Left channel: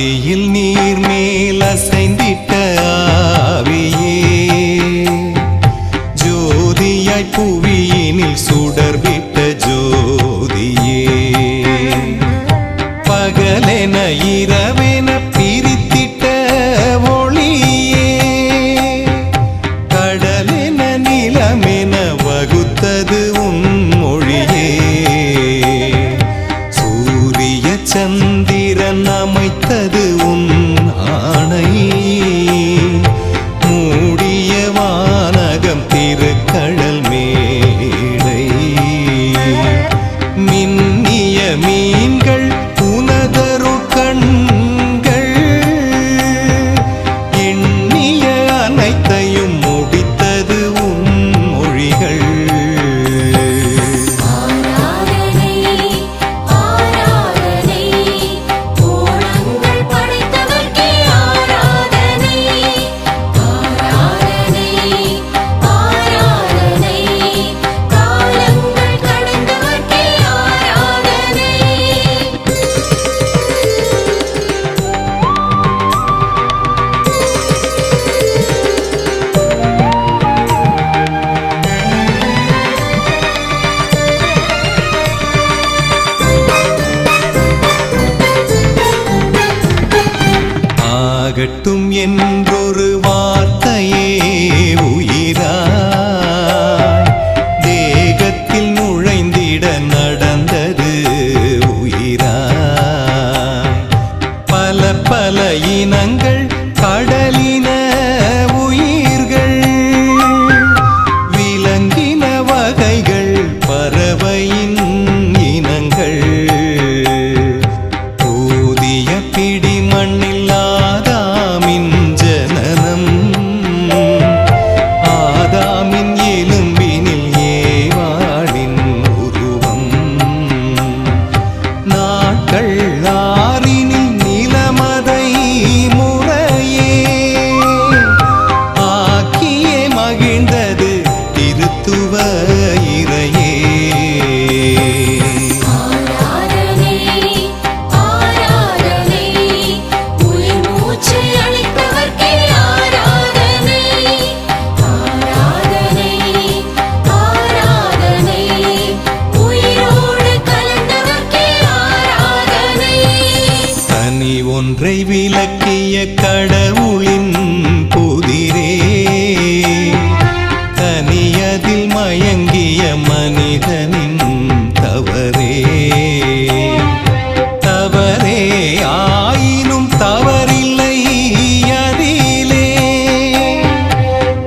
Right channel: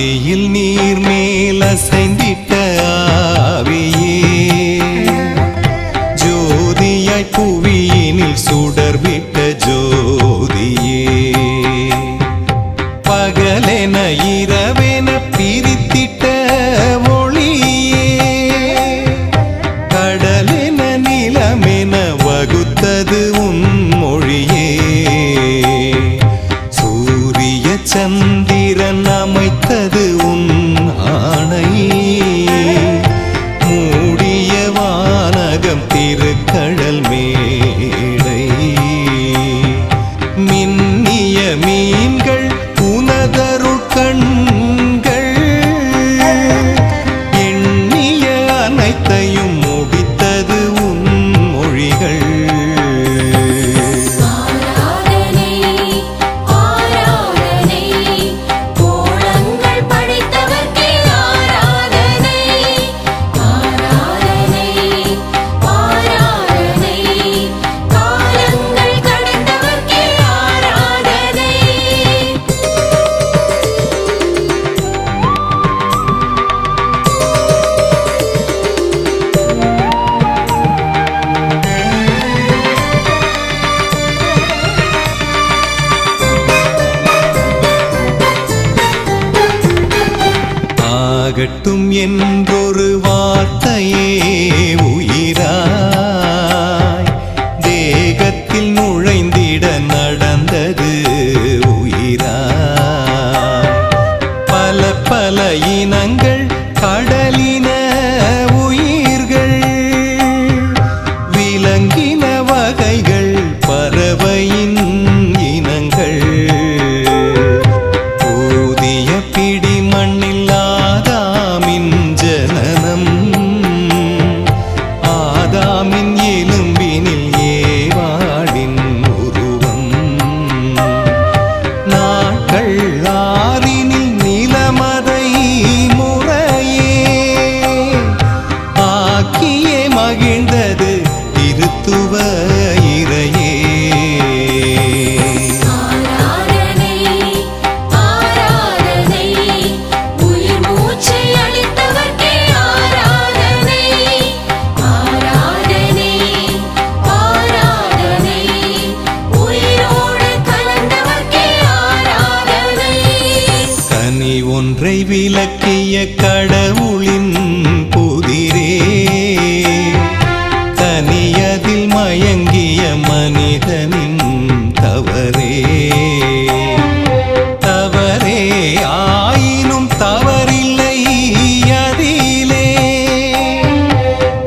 ஆதியில் நீர் மேல் அசைந்திட்ட ஆவியே, ஜோதியாய் புவியினில் சுடர்விட்ட ஜோதியே, பகலென இரவென பிரித்திட்ட ஒளியே, கடலென நிலமென வகுத்தது உன் மொழியே, சூரிய சந்திரன் அமைத்தது உன் ஆணை, மூடிய வானகம் திருக்கடல் மேடை, மின்னிய மீன்கள் உனதருள் கண்கள், எண்ணிய அனைத்தையும் முடித்தது உன் மொழிகள். ஆகட்டும் என்றொரு வார்த்தையே உயிராய் தேகத்தில் நுழைந்திட நடந்தது உயிராய், பல பல இனங்கள் கடலின உயிர்கள், விலங்கின வகைகள் பறவையின் இனங்கள், ஊதிய பிடி மண்ணில் ஆதாமின் ஜனனம், ஆதாமின் எலும்பினில் ஏவாளின் உருவம், நாட்கள் ஆறினில் நிலமதை முறையே ஆக்கியே மகிழ்ந்தது திருத்துவ இறையே. தனி ஒன்றை விலக்கிய கடவுளின் புதிரே, தனியதில் மயங்கிய மனிதனின் தவறே, தவறே ஆயினும் தவறில்லை அதிலே,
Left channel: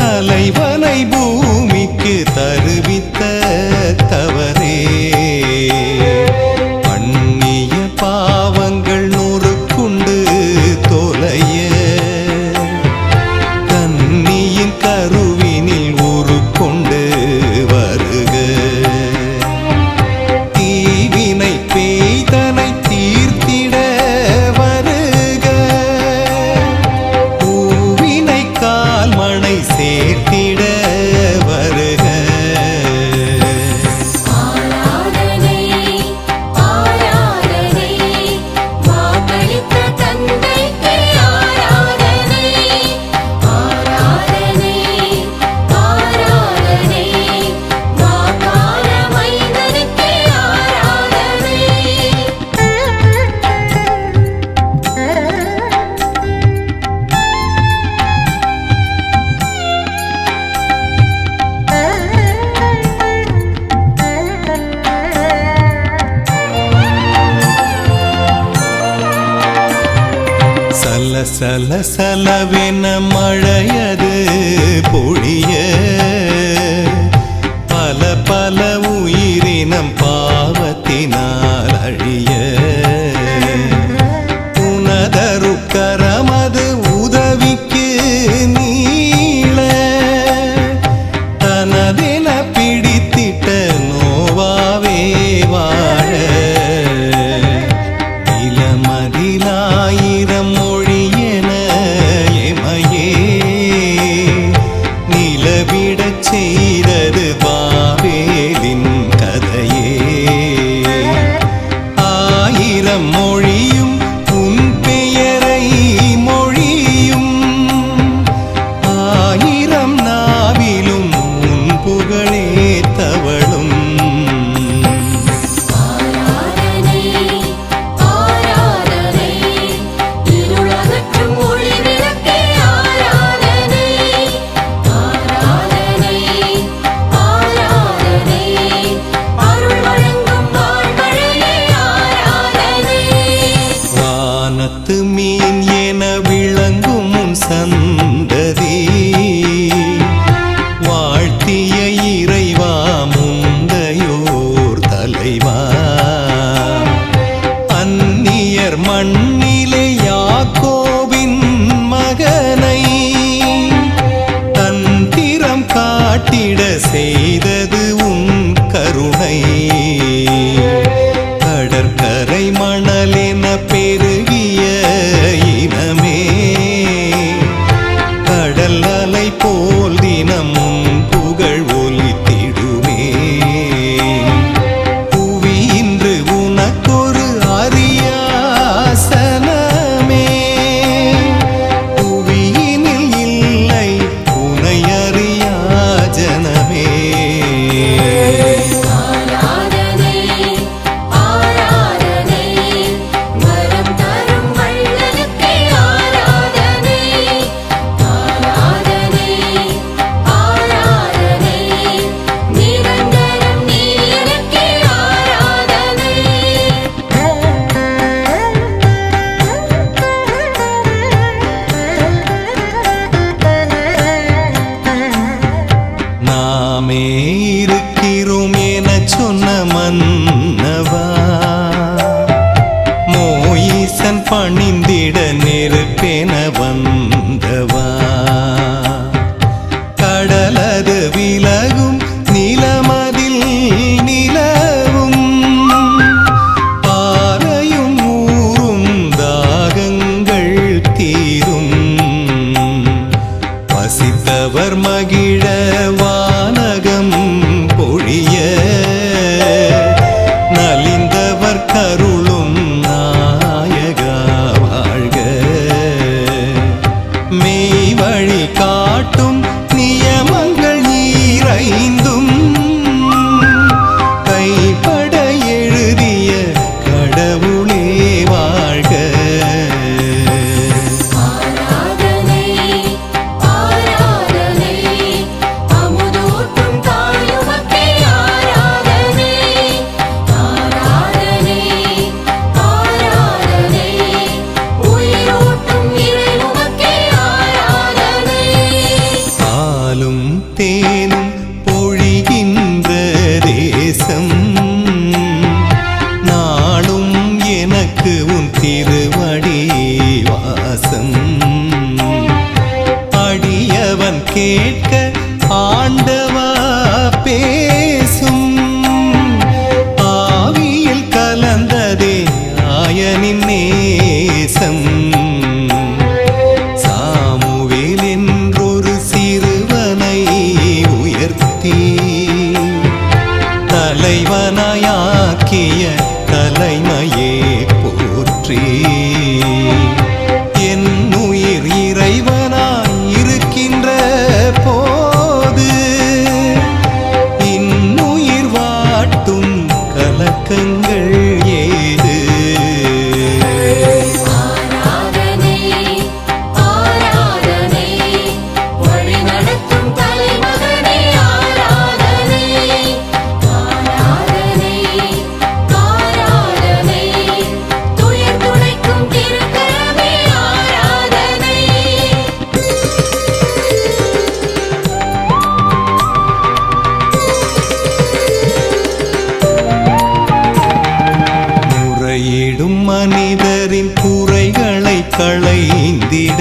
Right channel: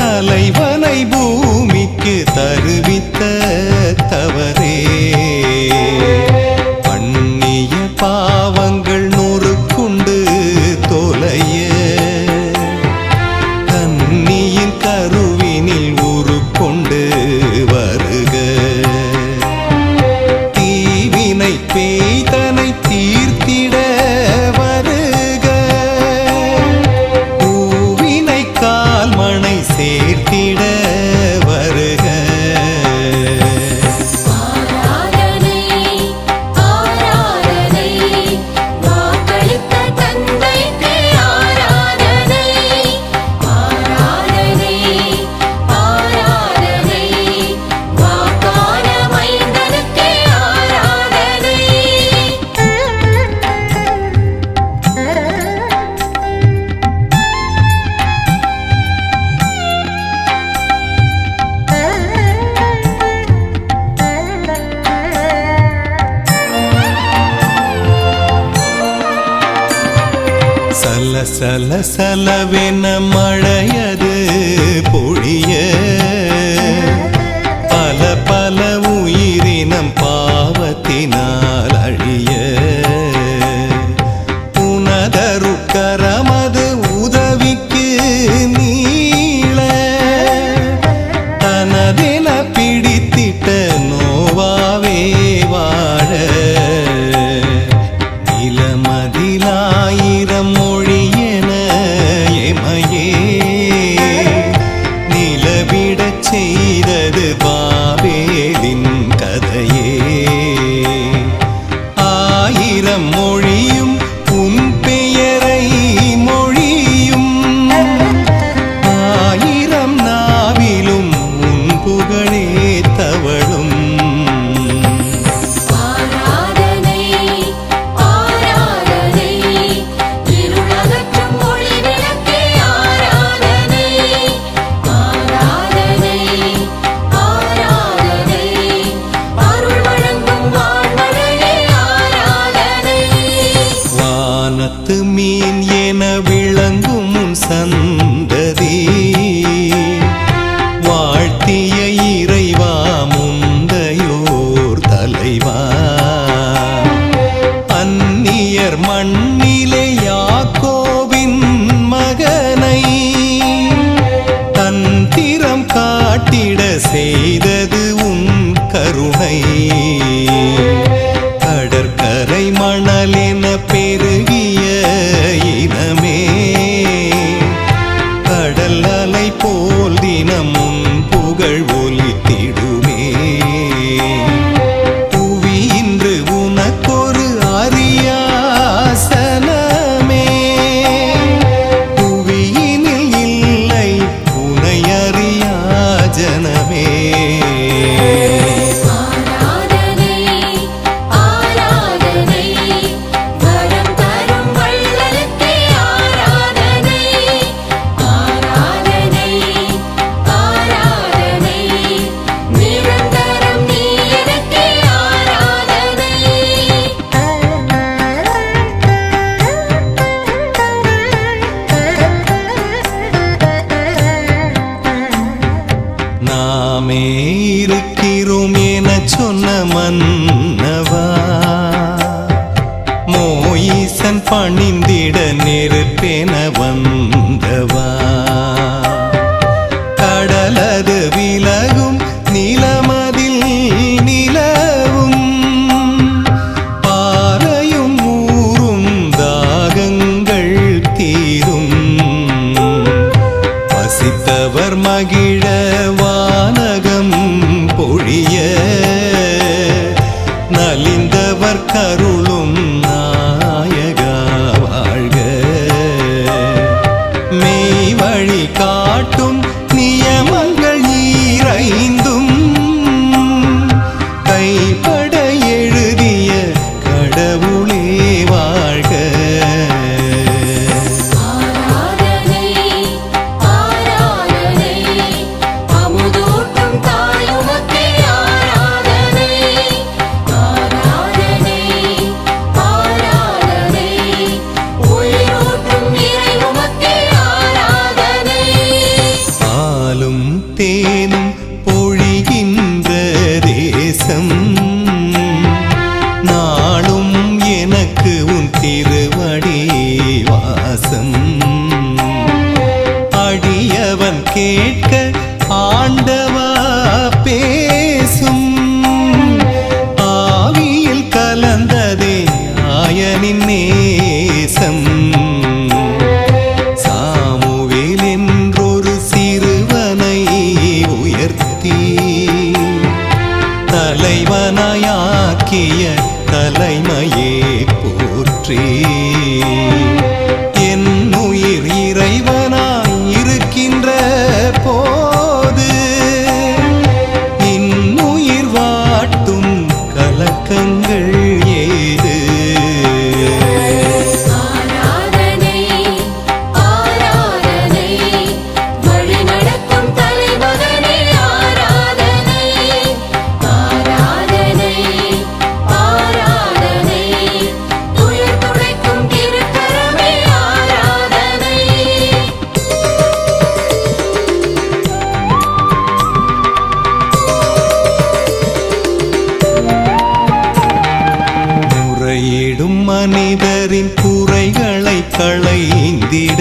தலைவனை பூமிக்கு தருவித்த தவறே, பண்ணிய பாவங்கள் நொறுக்குண்டு தொலைய, கன்னியின் கருவினில் உருக்கொண்டு வருக, தீவினை பேய்தனை தீர்த்திட வருக, பூவினை கால்மணை சேர்த்திட வருக. சல சல சலவென மழையது பொழிய, பல பல உயிரினம் பாவத்தினால் அழிய, உனதருக்கரமது உதவிக்கு நீள, தனதென பிடித்திட்ட நோவாவே வாழ, நிலமதிலாயிரம் மொழியென எமையே நிலவிடச் செய்தது பாபேலின் கதையே, ஆயிரம் மொழியும் உன் பெயரை புகழே தவளும் வானத்து மீன் என விளங்கும் உன் சந்ததி வாழ்த்திய இறைவா முந்தையோர் தலைவா அந்நியர் மண்ணிலே யாக்கோபின் மகனை தந்திரம் காட்டிட செய்தது உன் கருணை கடற்கரை மணலென பெருகிய இனமே கடல் அலை போல் தினம் உன் புகழ் ஒலித்திடுமே புவி இன்று உனக்கொரு அரியாசனமே புவியினில் இல்லை உனை அறியா ஜனமே நாமே இருக்கிறோம் என சொன்ன மன்னவா மோயிசன் பணிந்திட நெருப்பென வந்தவா கடலது விலகும் நிலமதில் நிலவும் பாறையும் ஊரும் தாகங்கள் தீரும் பசித்தவர் மகிழ வானகம் பொழிய நலிந்தவர் கருளும் நாயகா வாழ்க மெய் வழி காட்டும் நியமங்கள் ஈரைந்தும் கைப்பட எழுதிய கடவுளே வாழ்க தேனும் பொழிகின்ற தேசம் நாளும் எனக்கு உன் திருவடி வாசம் அடியவன் கேட்க ஆண்டவா பேசும் ஆவியில் கலந்ததே ஆயனின் நேசம் சாமுவேல் என்றொரு சிறுவனை உயர்த்தி தலைவனாயாக்கிய தலைமையே போற்றி என் உயிர் இறைவனாய் இருக்கின்ற போது இன்னுயிர் வாட்டும் கலக்கங்கள் ஏது முறையிடும் மனிதரின் குறைகளை களைந்திட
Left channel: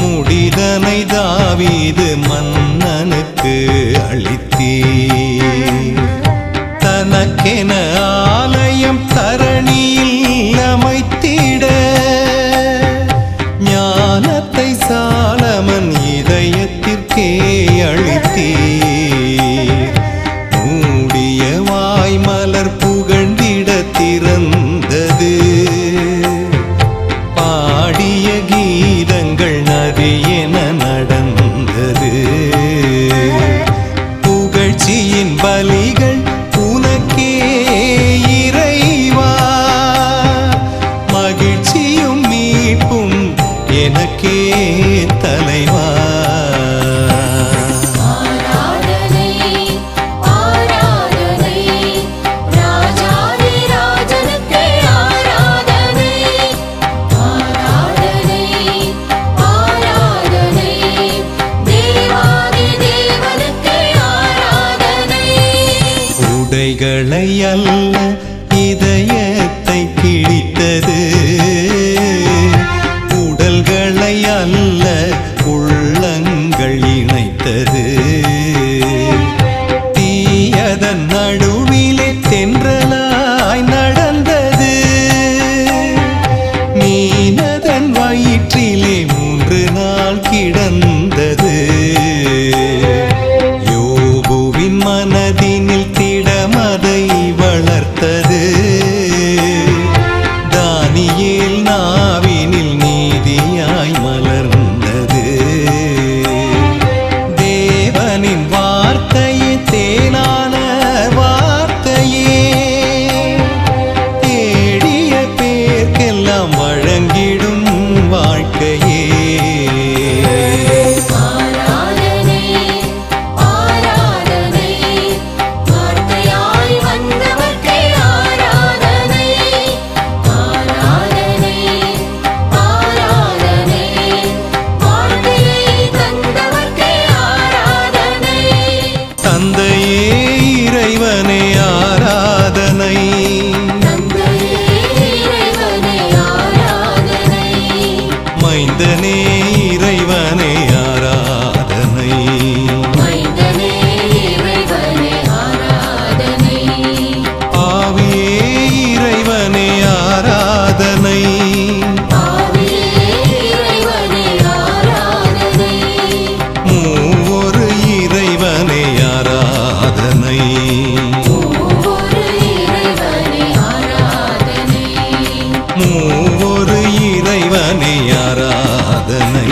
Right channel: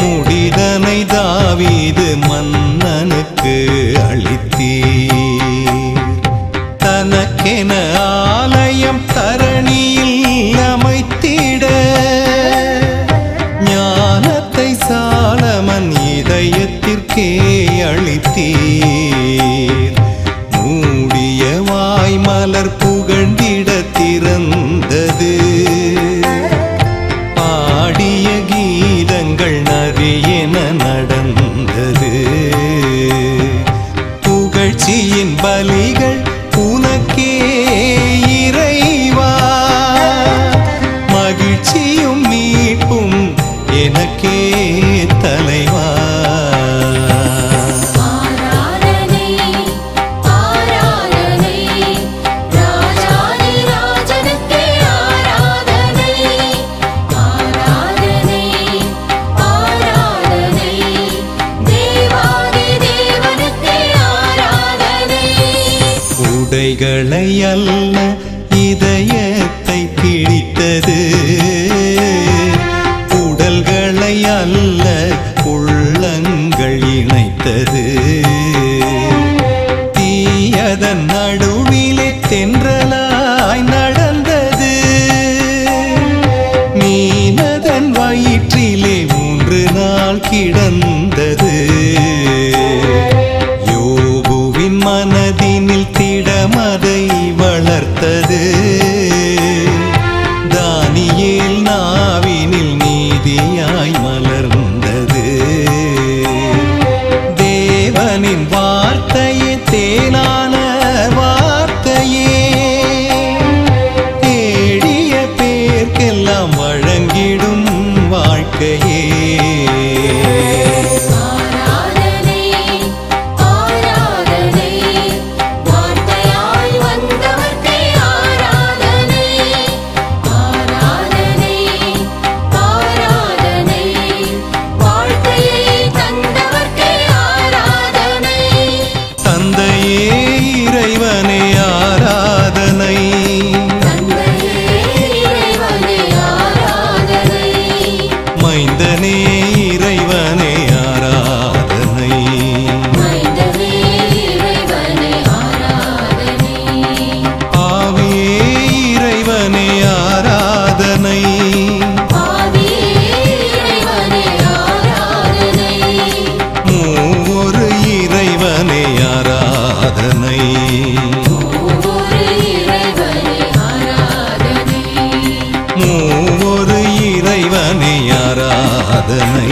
முடிதனை தாவீது மன்னனுக்கு அளித்தீர் தனக்கென ஆலயம் தரணியில் அமைத்திட ஞானத்தை சாலமன் இதயத்திற்கே அளித்தீர் மூடிய வாய் மலர் புகழ்ந்திட திறந்தது பாடிய கீதங்கள் நதி என நடந்தது மகிழ்ச்சியின் பலிகள் உனக்கே இறைவா, மகிழ்ச்சியும் மீட்பும் எனக்கே தலைவா. உடைகளை அல்ல இதயத்தை கிழித்தது, உடல்களை அல்ல உள்ளங்கள் இணைத்தது. தீயதன் நடுவிலே தென்றலாய் நடந்தது, மீனதன் வயிற்றிலே 3 நாள் கிடந்தது. யோபுவின் மனதினில் திடமதை வளர்த்தது, தானியேல் நாவினில் நீதியாய் மலர்ந்தது. தேவனின் வார்த்தையே தேனான வார்த்தையே, தேடிய பேர்க்கெல்லாம் வழங்கிடும் வாழ்க்கையே. தந்தையே இறைவனே ஆராதனை, மைந்தனே இறைவனே ஆராதனை, ஆவியே இறைவனே ஆராதனை, மூவொரு இறைவனே ஆராதனை, மூவொரு இறைவனே ஆராதனை.